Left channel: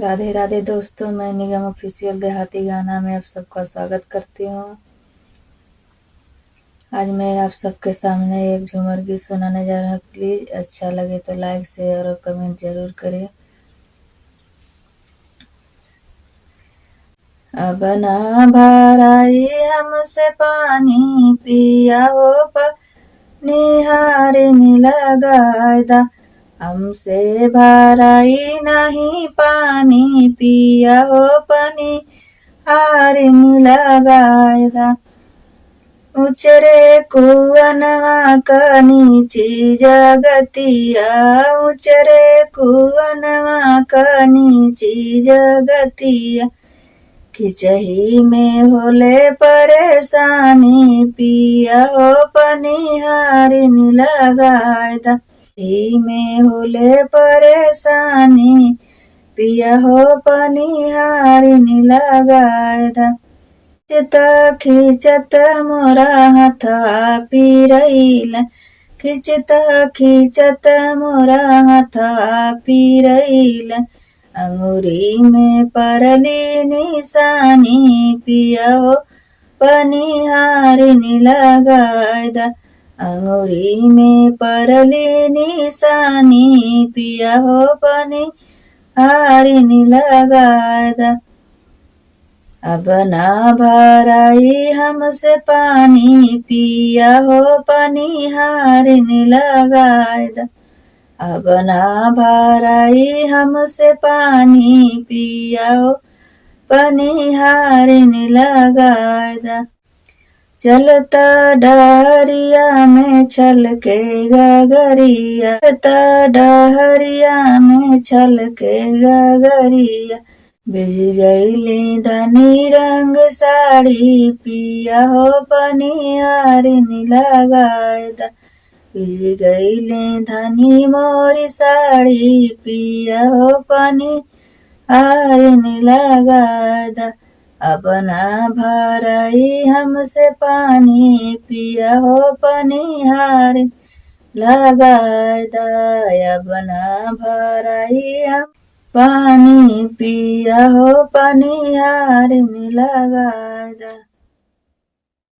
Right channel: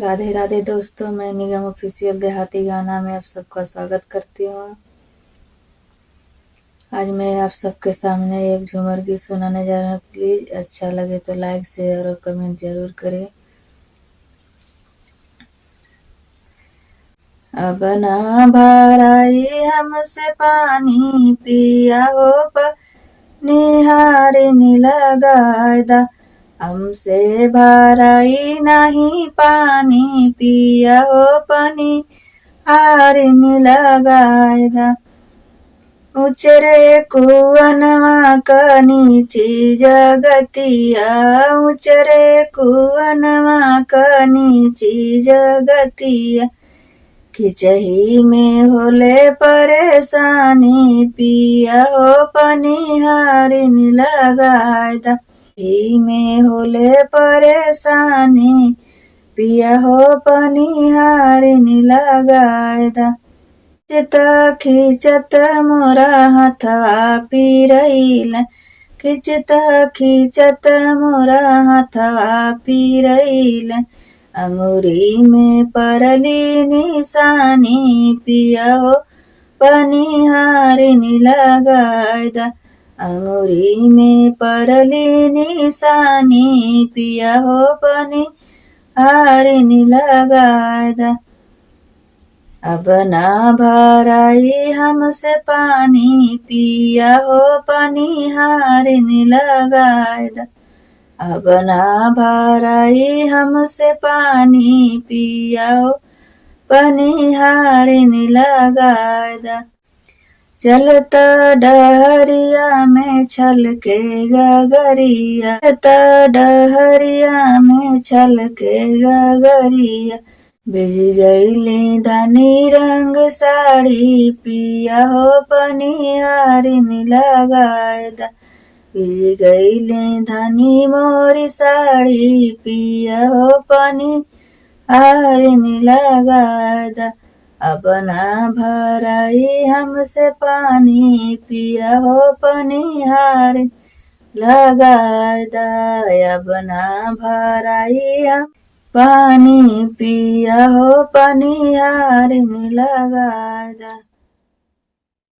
राधे राधे दोस्तों, मैं निगम ऑफिशियल देहाती गाना में आप सबका स्वागत करती हूँ। आज मैं आप सबके सामने एक झूमर गीत सुनाने जा रहा हूँ। प्लीज अच्छा लगे तो लाइक शेयर और कमेंट जरूर करें। अब ना भराई हमसे पानी पिया हो निहार लगायदा, हमसे भराई नहीं पानी पिया हो पानी हार लगायदा। उचरे कुवनवा का नीची जगतिया, उचरे कुवनवा का नीची जगतिया, खिचही में होले परेशानी पिया हो पनिहारिन लगायदा। ही में होले परेशानी पिया हो पनिहारिन लगायदा। खिचत मोरा हथवा पीरैल, खिचत मोरा हथवा पीरैल, अंगूरी में परली निशानी पिया हो पनिहारिन लगायदा। अंगूरी में परली निशानी पिया हो पनिहारिन लगायदा। अब ना भराई हमसे पानी पिया हो पनिहारिन लगायदा। अब ना भराई हमसे पानी पिया हो पनिहारिन लगायदा। चलता डहरिया में छलके गगरिया, चलता डहरिया में छलके गगरिया, बिज गईली धनी रंग साड़ी पिया हो पनिहारिन लगायदा। बिज गईली धनी मोरी साड़ी पिया हो पनिहारिन लगायदा। अब ना भराई हमसे पानी पिया हो पनिहारिन लगायदा। अब ना भराई हम पानी पिया हो पनिहारिन लगायदा।